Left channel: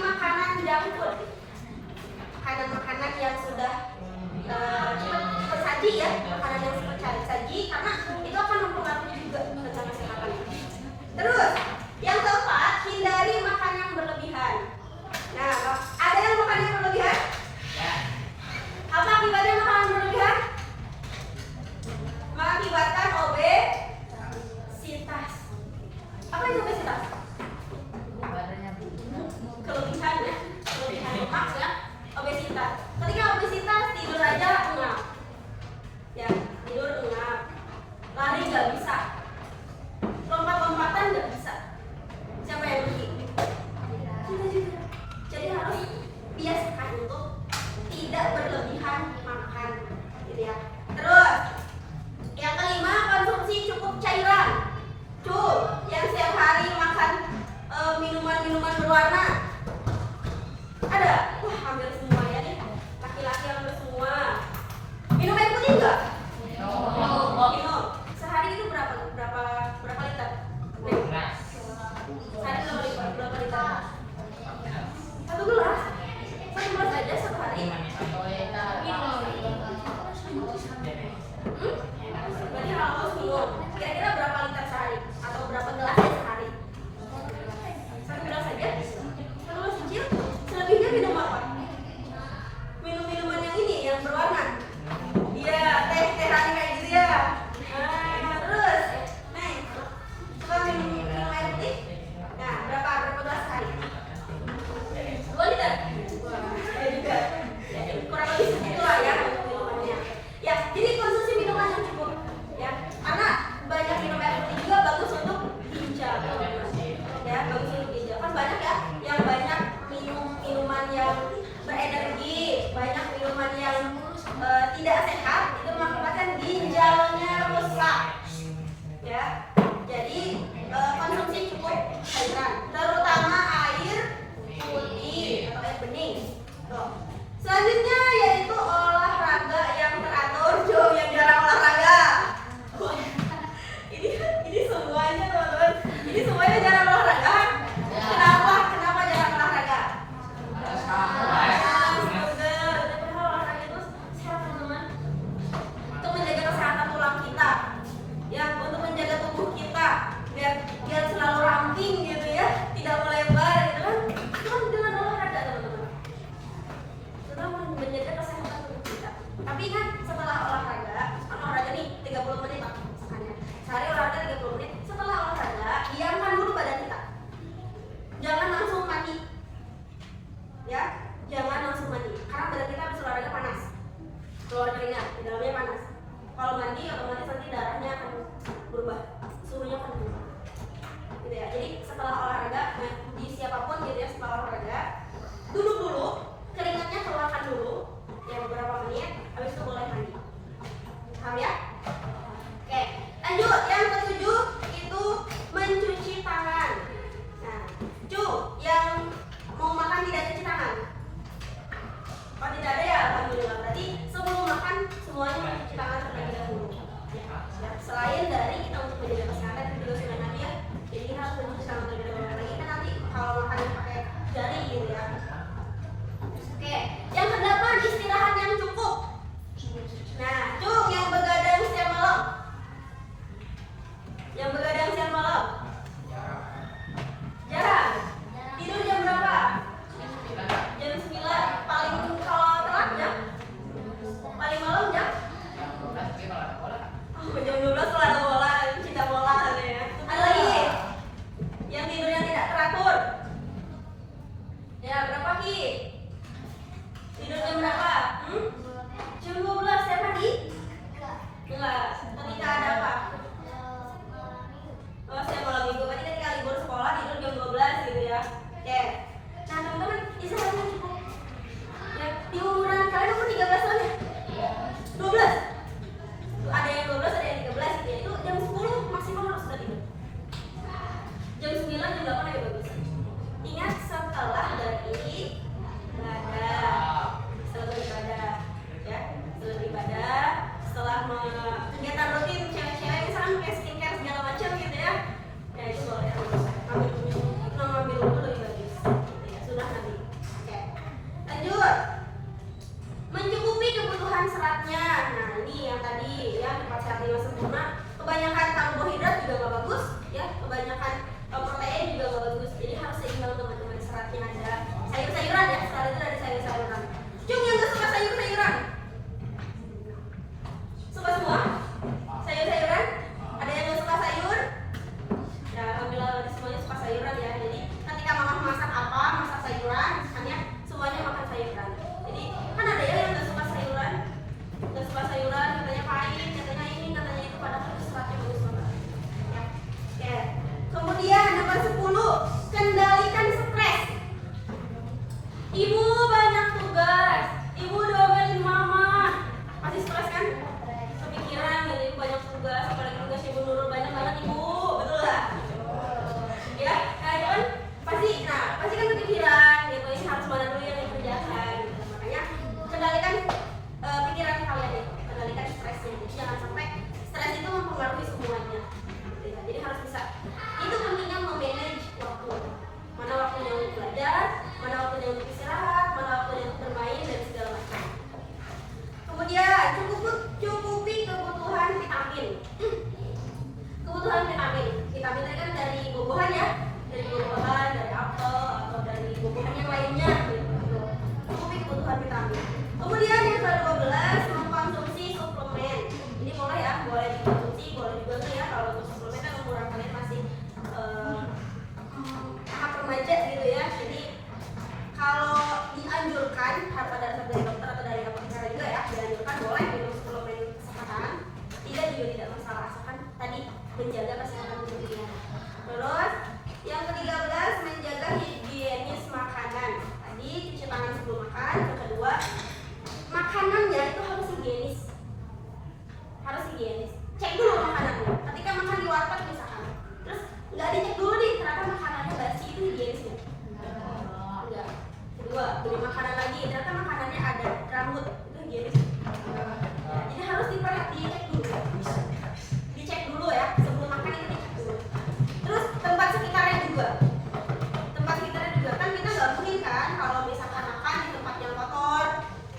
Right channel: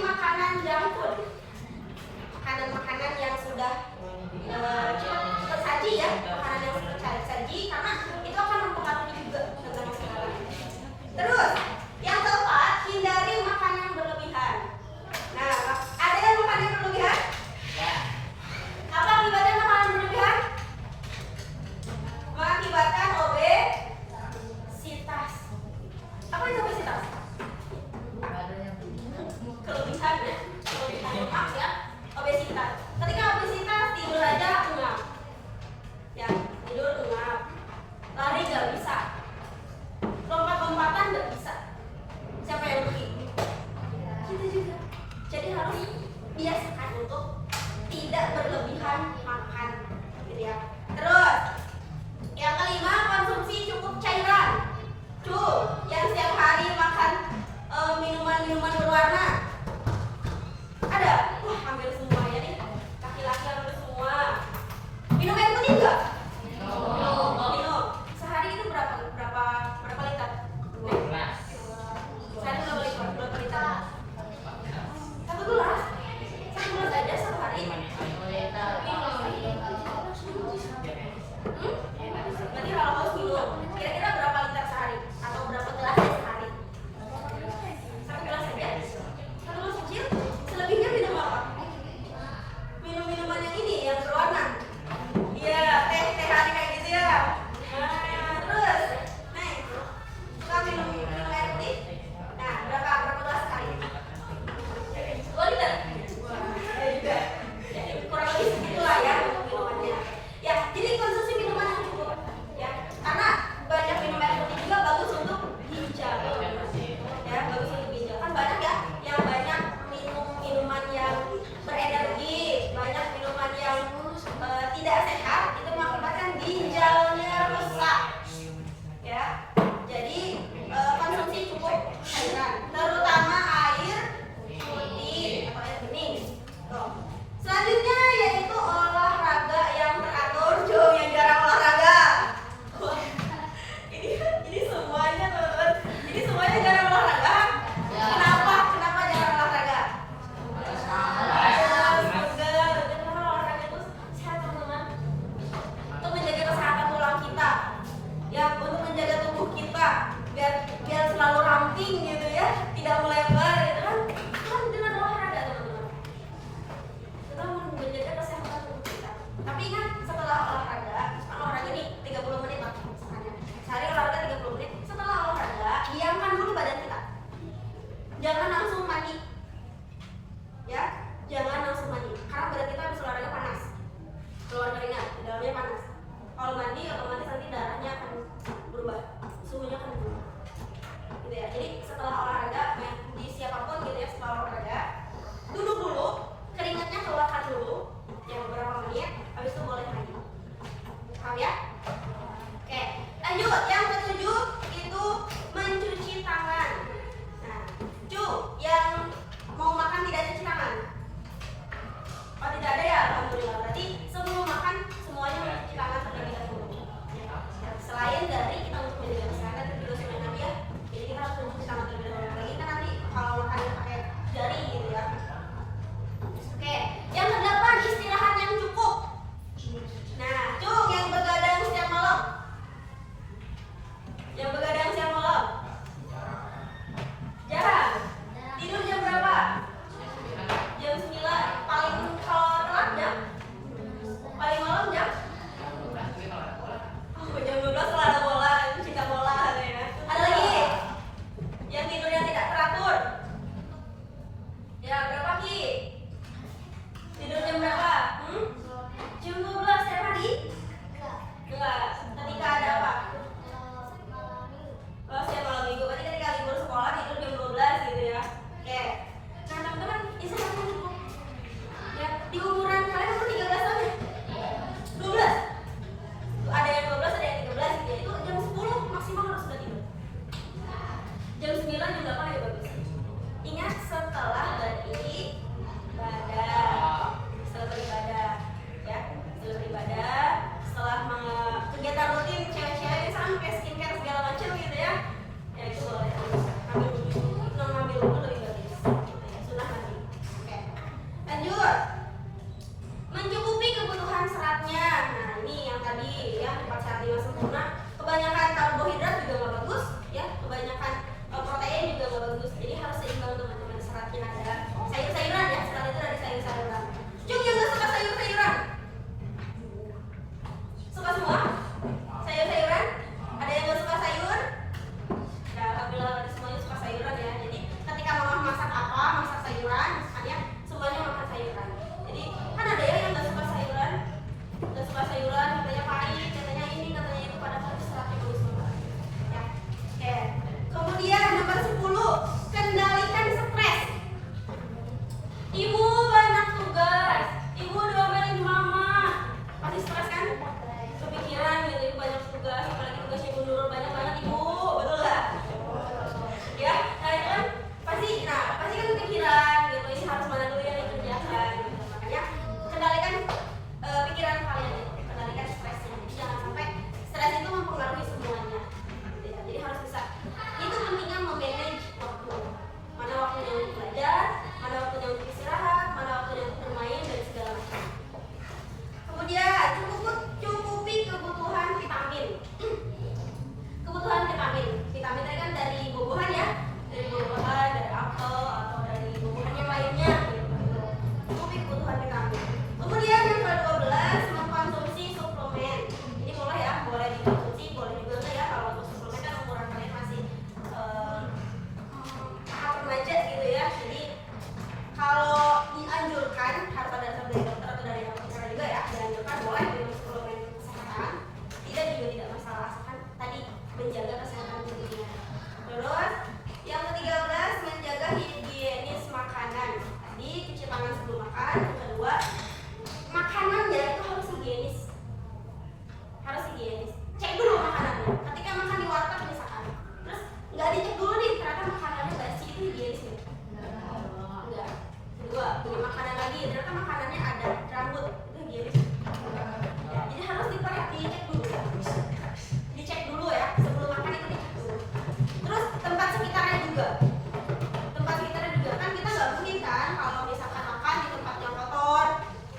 makanan junk food, makanan-makanan yang sudah tersaji ya, makanan yang sudah tersaji, karena itu akan mempengaruhi juga dengan kesehatan. Terus yang keempat, hindari makan yang berlebihan. Nah, ada yang makan yang berlebihan? Apa akibatnya makan yang berlebihan? Mengakibatkan obesitas. Apa itu obesitas? Kelebihan lemak ya, obesitas. Ketika obesitas, tidur aja ngap, ya tidur ngap, lari nggak bisa, lompat-lompatan nggak bisa. Siapa yang rugi? Kita juga. Jadi harus biasakan untuk tidak berlebihan makan, gitu ya. Terus yang kelima, konsumsi cukup cairan. Yang setiap hari makan minuman-minuman berwarna. Ada? Wah, hampir semua ya nih. Laki-laki hampir semua. Minum air putih enggak? Minum. Sehari itu berapa liter? Sehari berapa liter? Satu gelas aja satu hari. Berarti kalau harus minum, kira-kira berapa liter sehari? Atau berapa gelas sehari? Satu gelas saja? Satu gelas kecil? Selebihnya minum apa? Minum-minuman yang ini, yang berwarna. Iya, teh-tehan kayak gitu ya. Terus, suka minum air putih? Nah, berapa gelas sehari? 2 liter? Ada juga. Kurang lebih segitulah ya minumannya. Ya, jadi konsumsi minuman yang cukup ya. Karena banyak minum air putih juga bagus untuk ginjal. Ya, bagus untuk ginjal. Kan banyak ya yang banyak minum minuman yang berenergi, banyak minuman yang tidak sehat, itu mengakibatkan ginjalnya rusak. Ya. Jadi konsumsi cukup cairan, terutama air putih atau air bening. Tuh. Selanjutnya yaitu olahraga yang teratur. Yang jarang olahraga. Wah, ini semuanya teman-teman. Ini semuanya jarang olahraga. Kenapa jarang olahraga? Olahraga itu sehat teman-teman. Untuk menjaga kesehatan tulang kita, ya, untuk menjaga tubuh kita biar selalu ramping gitu ya, tidak melebar gitu kan. Itu kan dengan olahraga teman-teman. Tetap menjaga kesehatan tubuh kita. Tapi ingat, setelah olahraga, kan olahraga nih 30 menit Pak, misalnya. Sehari olahraga 30 menit. Setelah olahraga, diamkan dulu badan kita. Jangan langsung mandi. Ya, jangan langsung mandi. Karena badan kita habis olahraga panas. Keluar keringat, di dalamnya panas. Kalau mandi, otomatis nanti darahnya akan berubah, suhunya akan berubah. Gitu ya. Jadi setelah olahraga, di siapapun gitu ya, setelah olahraga, duduk dulu, keringatnya keluarkan dulu, ya beberapa menit, habis itu boleh mandi. Paham ya? Oke, lanjut. Yang ketujuh itu mencuci tangan. Nah, yang mau makan tidak cuci tangan? Oh, tidak ada ya, alhamdulillah. Berarti sebelum makan semuanya mencuci tangan terlebih dahulu. Ya, selain dari kita untuk menjaga kesehatan, itu juga sunnah Nabi ya. Jadi kita harus mencuci tangan terlebih dahulu. Lagi kan nanti kalau makan pakai jari gitu ya. Oke, yang kedelapan, istirahat yang cukup. Nah, yang begadang setiap malam. Yang begadang setiap malam. Jarang. Tidur jam berapa? Jam 9. Paling kalau telat jam? Paling malam jam? Oh, jam 12 kalau ada bola, cinta bola katanya. Ada lagi? Yang tidurnya tidak teratur. Ya, berapa Ki? Tidur jam berapa? Jam 12 setiap hari? Enggak. Ketika ada apa? Oh, setiap malam minggu. Berarti ketika libur sekolah tidur jam 12 gitu ya. Oke. Nah, teman-teman, istirahatnya cukup. Ya, di umuran kalian umur 13 tahun ya? 12? Tuh, ada yang 12, ada yang 13 gitu ya. Itu jam 10 maksimal harus sudah tidur. Jam 9, jam 8 ya bagus. Ingat, setelah beribadah. Setelah beribadah, ya. Setelah beli makanan lagi, ternyata makanannya ada rambut, itu gini. Ya, jadi harus dicek dulu. Dicek dulu ya, sebelum makan itu dicek dulu. Terus tempat sekitarnya juga. Tempat sekitarnya juga kan kita nggak mungkin kan kalau misalkan makan di tempat yang kotor,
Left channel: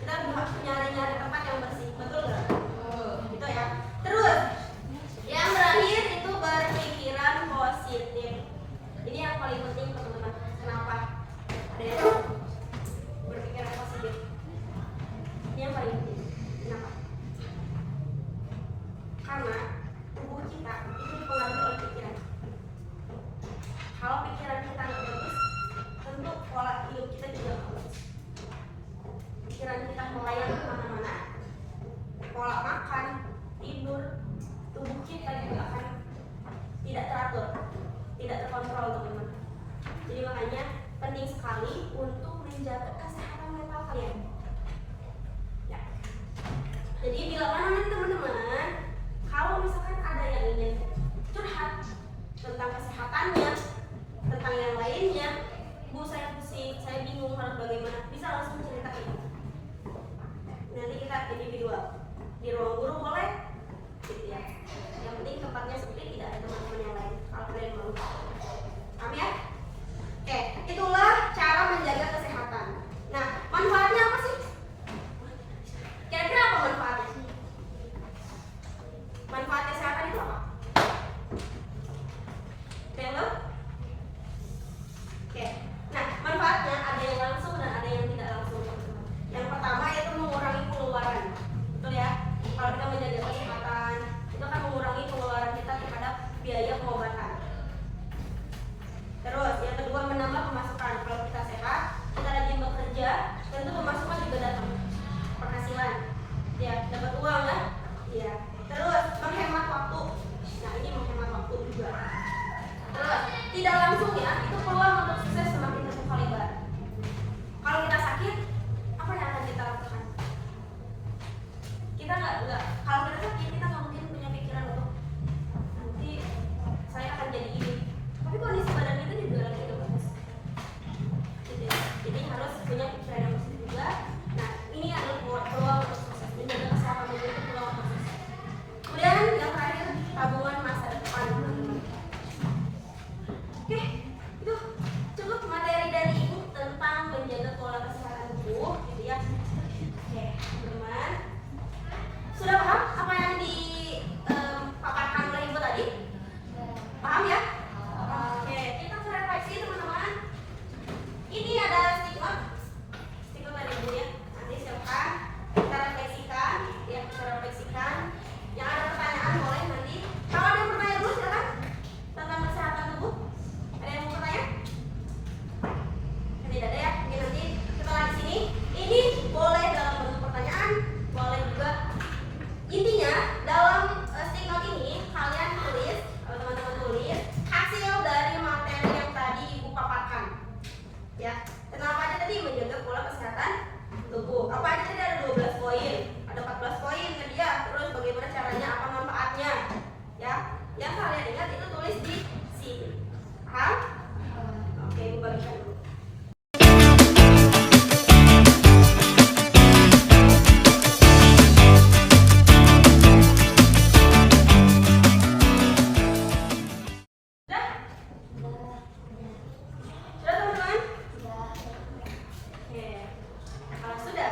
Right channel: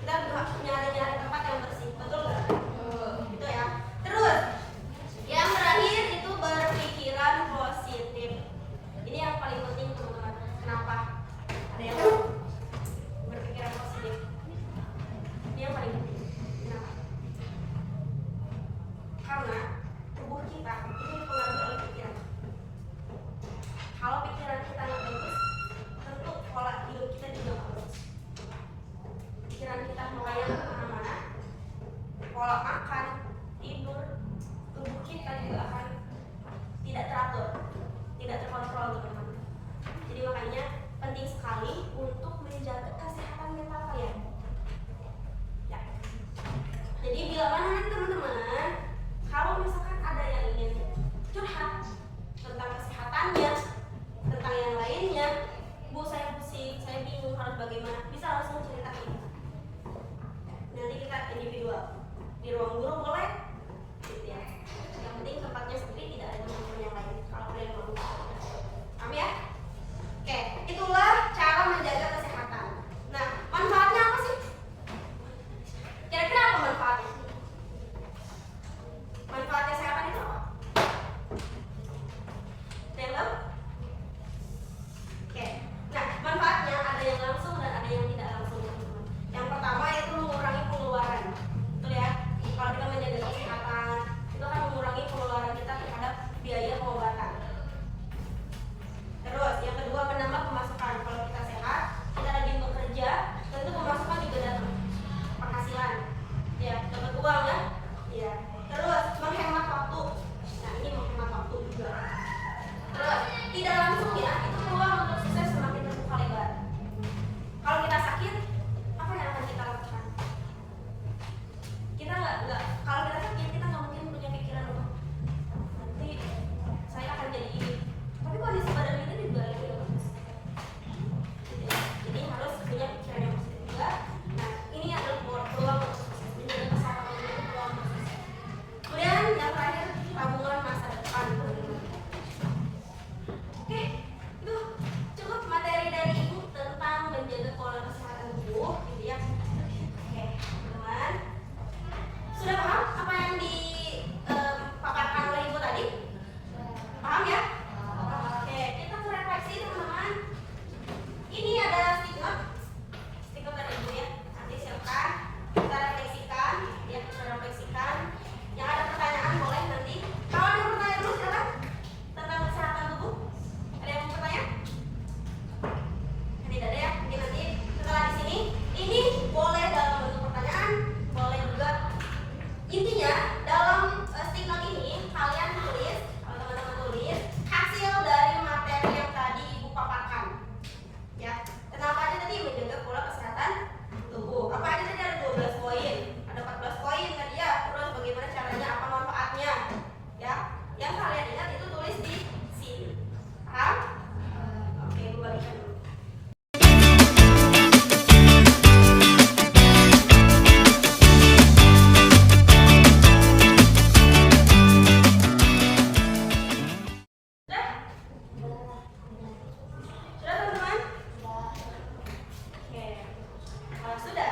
kita harus nyari-nyari tempat yang bersih, betul nggak? Gitu ya. Terus yang terakhir itu berpikiran positif. Ini yang paling penting teman-teman. Kenapa? Ada yang berpikiran positif. Ini yang paling penting. Kenapa? Karena tubuh kita itu dipengaruhi oleh pikiran. Kalau pikiran kita nggak bagus, tentu pola hidup kita juga nggak bagus. Pikiran kita melayang kemana-mana, pola makan, tidur, tubuh kita juga akan tidak teratur, tidak terkontrol teman-teman. Jadi makanya penting sekali untuk menjaga kesehatan mental kalian. Ya. Jadi bila mana nih teman-teman, kalau misalkan ada yang ingin curhat tentang kesehatannya, tentang yang lainnya, Bu saya pusing, saya bingung harus bagaimana, bisa langsung ceritain. Nanti kita individual di ruang guru boleh, gitu ya. Yang penting tempatnya sepi, tidak ada teman-teman yang lain. Kalau kalian mau, paham ya? Oke, itulah cara menjaga kesehatan. Nah, manfaatnya apa sih? Kira-kira apa manfaatnya? Manfaat kesehatan itu apa? Ada yang tahu? Oke, nah manfaatnya ada yang langsung dan ada yang tidak langsung. Yang pertama itu mengurangi pengeluaran, betul ya? Kalau kita menjaga kesehatan, itu akan mengurangi pengeluaran kita terhadap biaya pengobatan. Terus yang kedua menambah pemasukan. Kalau kita sehat, kita rajin bekerja, tentu pemasukan juga datang, penghasilan, ya dapat uang ya. Iya. Terus menghemat waktu. Nah ini menghemat waktu juga. Terus tidak langsung ya, itu peluang untuk sukses semakin terbuka lebar. Kalau kita sakit, apa yang akan kita lakukan? Kita nggak kalau kita sakit kita nggak mungkin punya pikiran untuk nanti saya akan jadi ini. Tapi kondisi badan kita juga lagi nggak bagus. Gitu ya. Jadi harus punya pikiran yang positif juga. Nah ini adalah peluang untuk sukses, menjaga kesehatan tubuh itu peluang untuk sukses. Kemudian yang terakhir tabungan masa depan. Oke, itu cukup materi dari ibu tentang menjaga pola kesehatan tubuh, gitu ya. Oke, teman, sudah paham apa yang dipaparkan oleh ibu tadi? Paham ya? Oke, kita refleksi teman-teman. Ini ada stiker dari ibu ya. Nanti siapkan, kita refleksikan, ya kita refleksikan. Yang ada pertanyaan boleh nanti. Kalau ada yang bertanya dulu silakan tentang kesehatan tubuh. Ada yang mau bertanya? Tidak ada ya. Oke, nanti setelah di sini, ini boleh dalam bentuk pertanyaan, boleh juga. Intinya dalam stiker ini kalian tulis, kalau teman-teman tulis hasil dari materi yang tadi ibu paparkan. Ya, kenapa aja tadi menjaga pola kesehatan tubuh? Apa aja tadi ada 12 poin, ada 14 poin tadi ya. Terus bagaimana caranya, apa manfaatnya? Ya, yang kalian ingat itu tulis di sini. Paham? Oke, ibu bagikan dulu. Sudah teman-teman? Oke, kalau sudah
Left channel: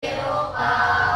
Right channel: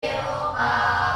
Eropa.